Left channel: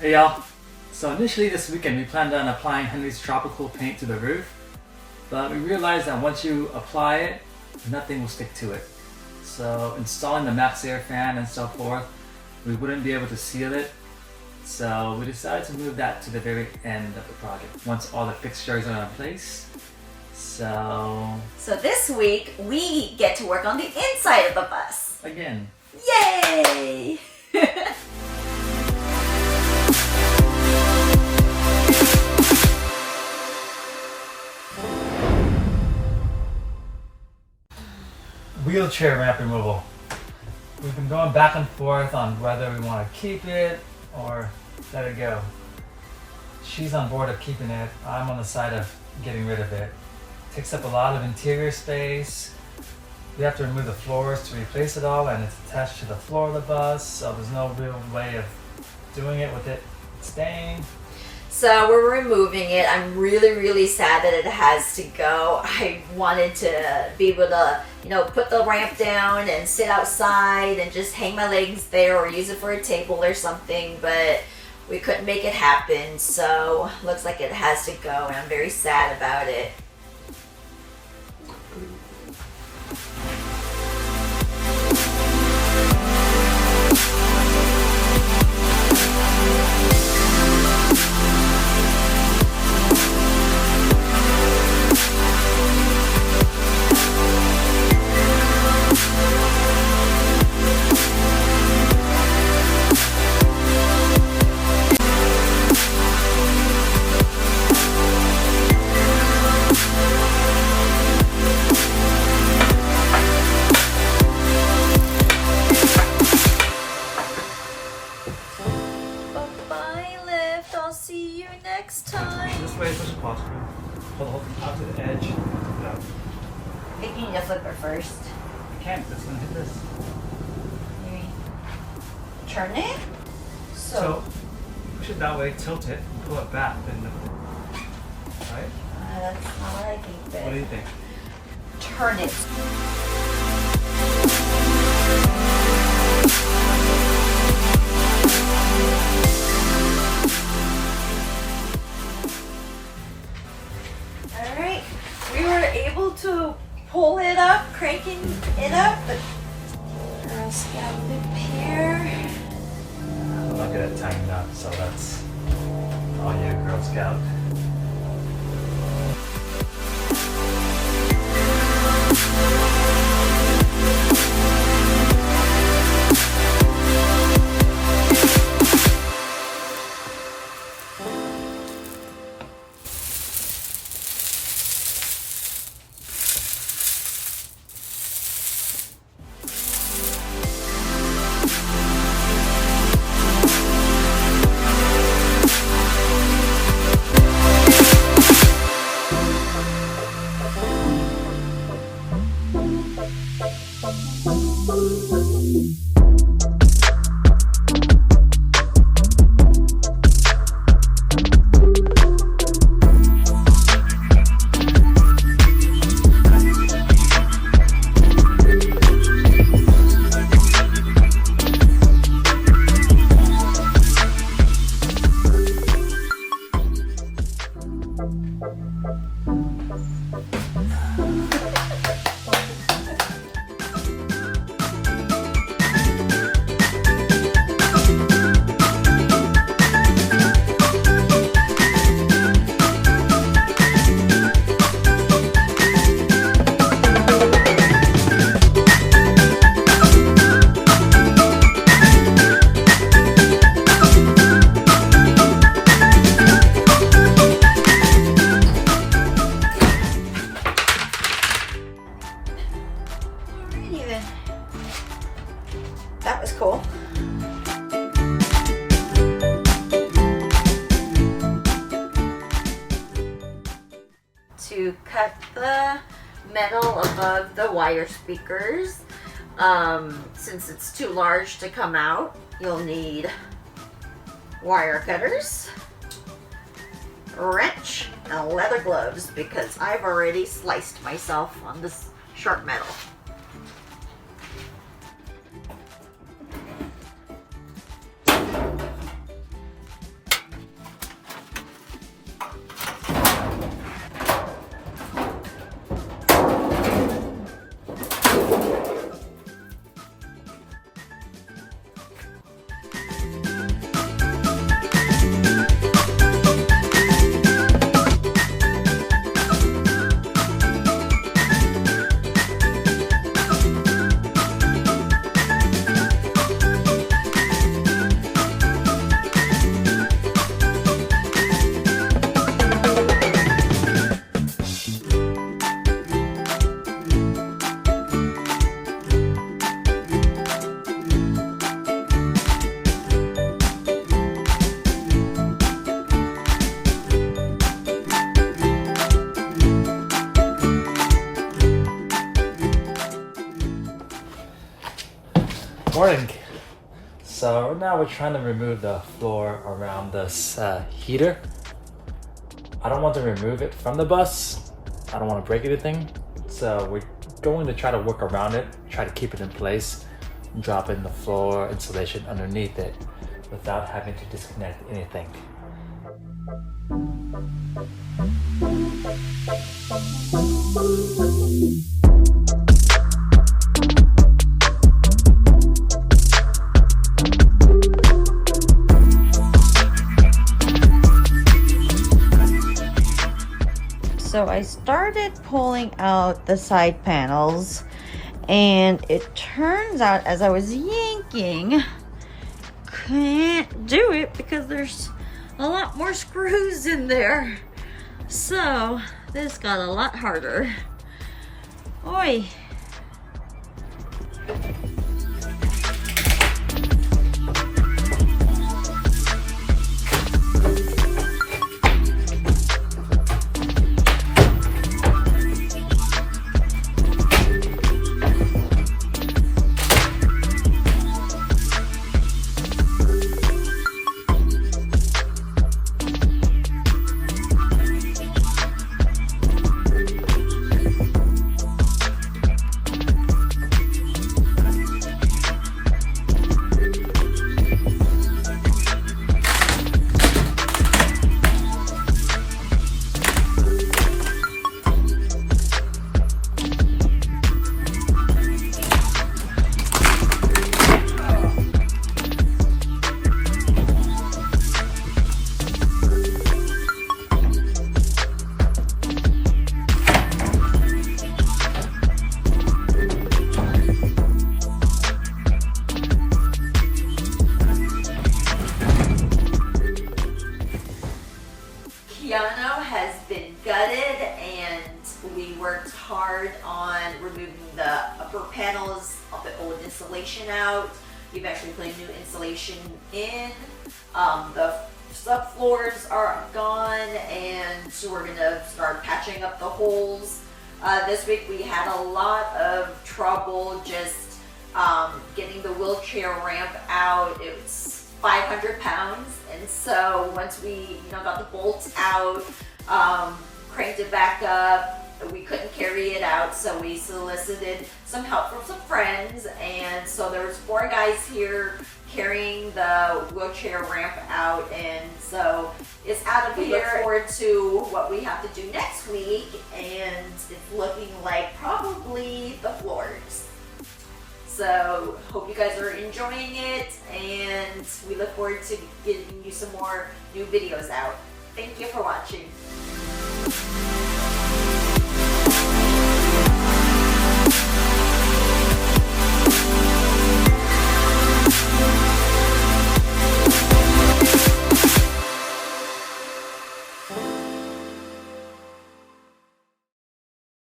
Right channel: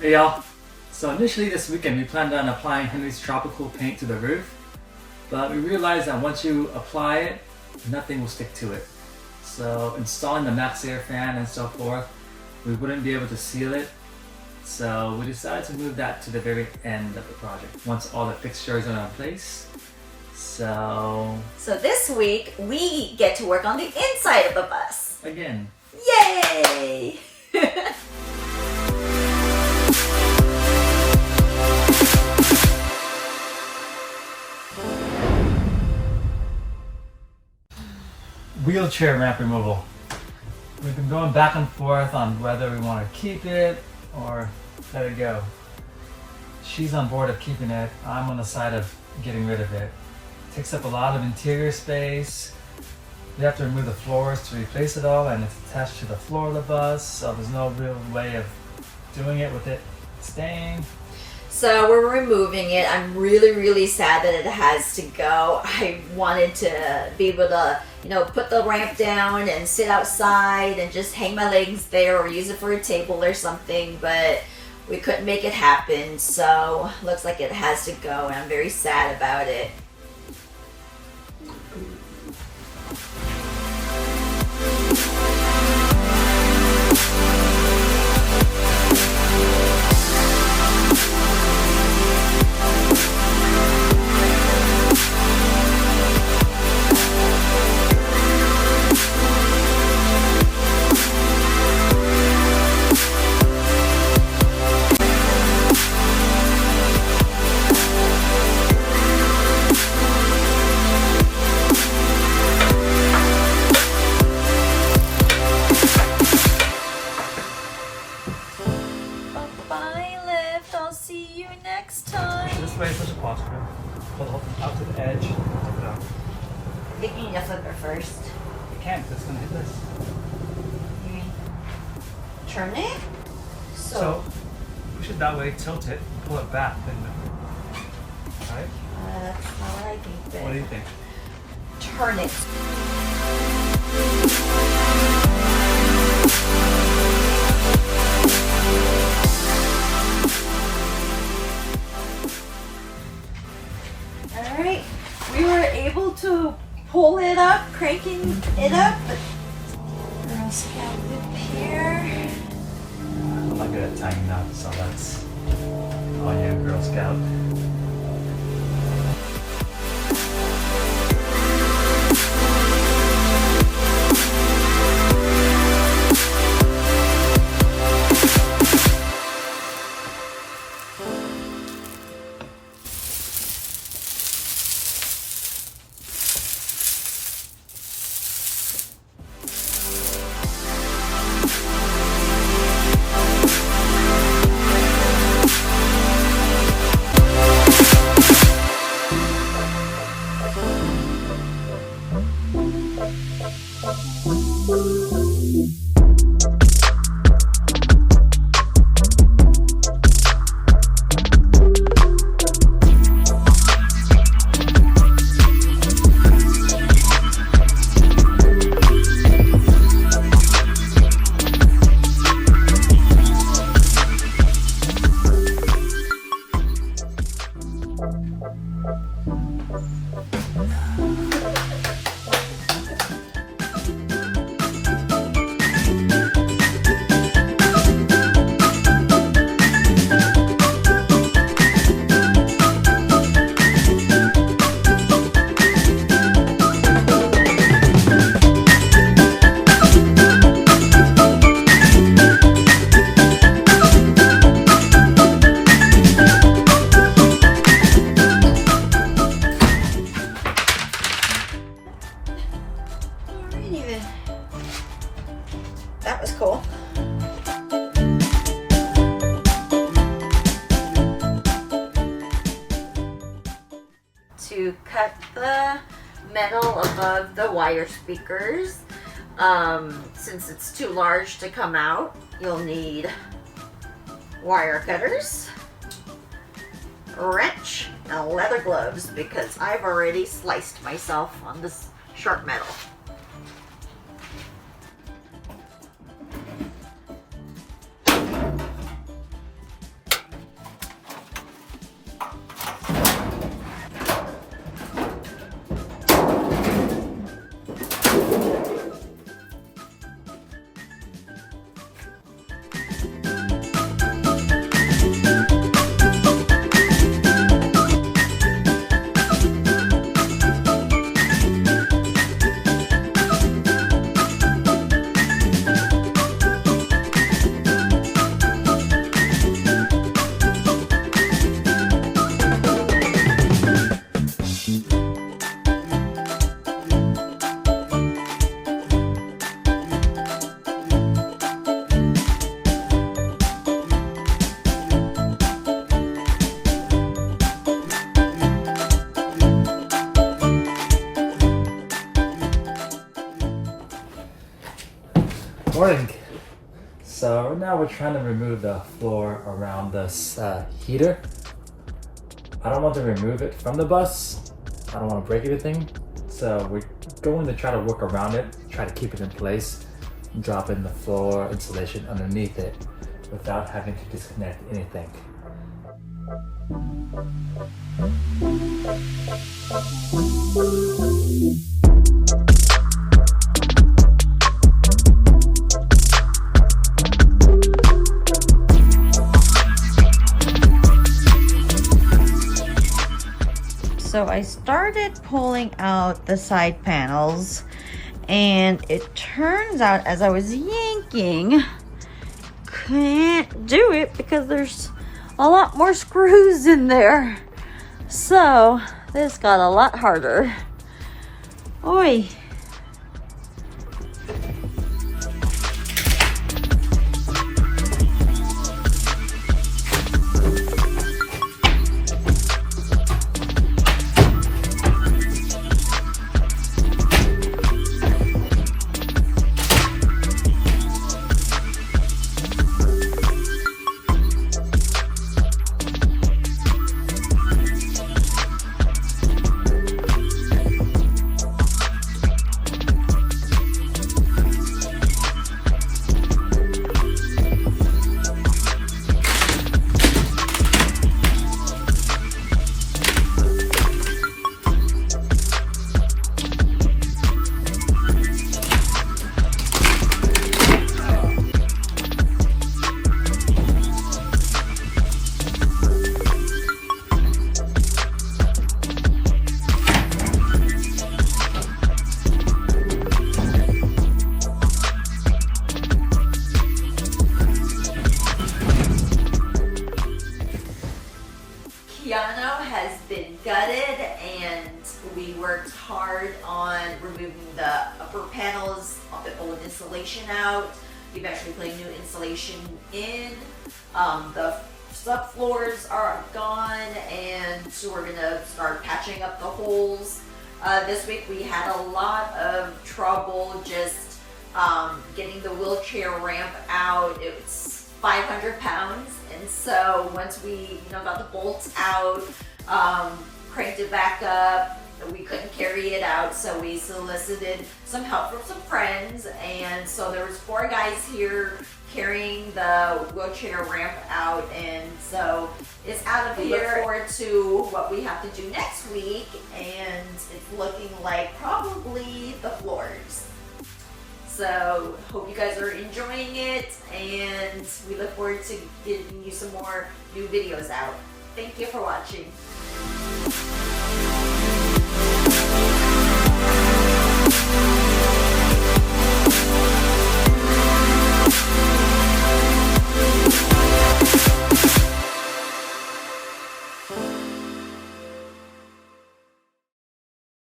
Hey y'all! So initially this weekend we planned on applying Henry's tropical paint to the roof, but we realized that once you apply it, nothing will stick to it. So installing the Maxxair fan and so forth, we wouldn't be able to seal it. So we decided to move that to the very end of the project, once all the fixtures are in place. So this week we get to work on the inside of the bus. Again. Yay! Wheelchair ramp removal. We've been going back and forth on whether we want to keep it or let it go. She's on board of keeping it. I'm on the side of getting rid of it. Takes up a lot of interior space. You have to remove the floors to replace it all, and it's attached to the floor of the bus, so there's no real way of doing it with it staying. So we're removing it. I'm really sad that it has to go. I wanted to be able to, put the ramp down and sit outside and just hang my legs there or use it for a table or something, but we couldn't make it happen. So looks like it has to go, and I'm very sad about it. This way as much as possible. Hold the whole thing out to the edge. Take it out. I think you need to flip it first. I can't, it's gonna hit this. Maybe turn it? So push it that way, tilt it, and pull it back, then lift it. Right? That's not what I think. But What do you think? Turn it. Alright, we were able to pull it up, cranking it up, but Girl Scout whip here. I'm not good at tying up, so that's all you, Girl Scout. That was cool. To cut the metal above the wire speakers, since it's too large to come out, you'll need wire cutters, a wrench, and leather gloves, because I've already sliced myself on this sharp metal. Morning. So now we're trying to remove the floor around this heater. I don't want to remove it from the bus. I don't want to break anything. So we're going to try to work around it, try to keep it in place, drop in the floor insulation underneath it without having to disconnect anything. So I started pulling out the side panels, and it turns out as I was yanking, can't do it because there's a lot more screws in there. So this got a lot harder. Oi. KEANU has been gutted, and we worked hard on removing the upper panels of the old insulation out. We've actually put new insulation in. The subfloors are gone, and so we're gonna start patching up the holes. This week we had a lot of trouble just getting the wheelchair ramp out. It was 500 pounds, and so once we got the bolts out, cranked it back up, we couldn't carry it out, so we solicited some help from some friends, and so there was 4 guys here carrying the wheelchair ramp out, and so it's out of here. We look forward to what we have to do next week, and it's looking like probably the floors. So hope you guys are enjoying it, and we look forward to getting you some more new videos out. Thank you for watching.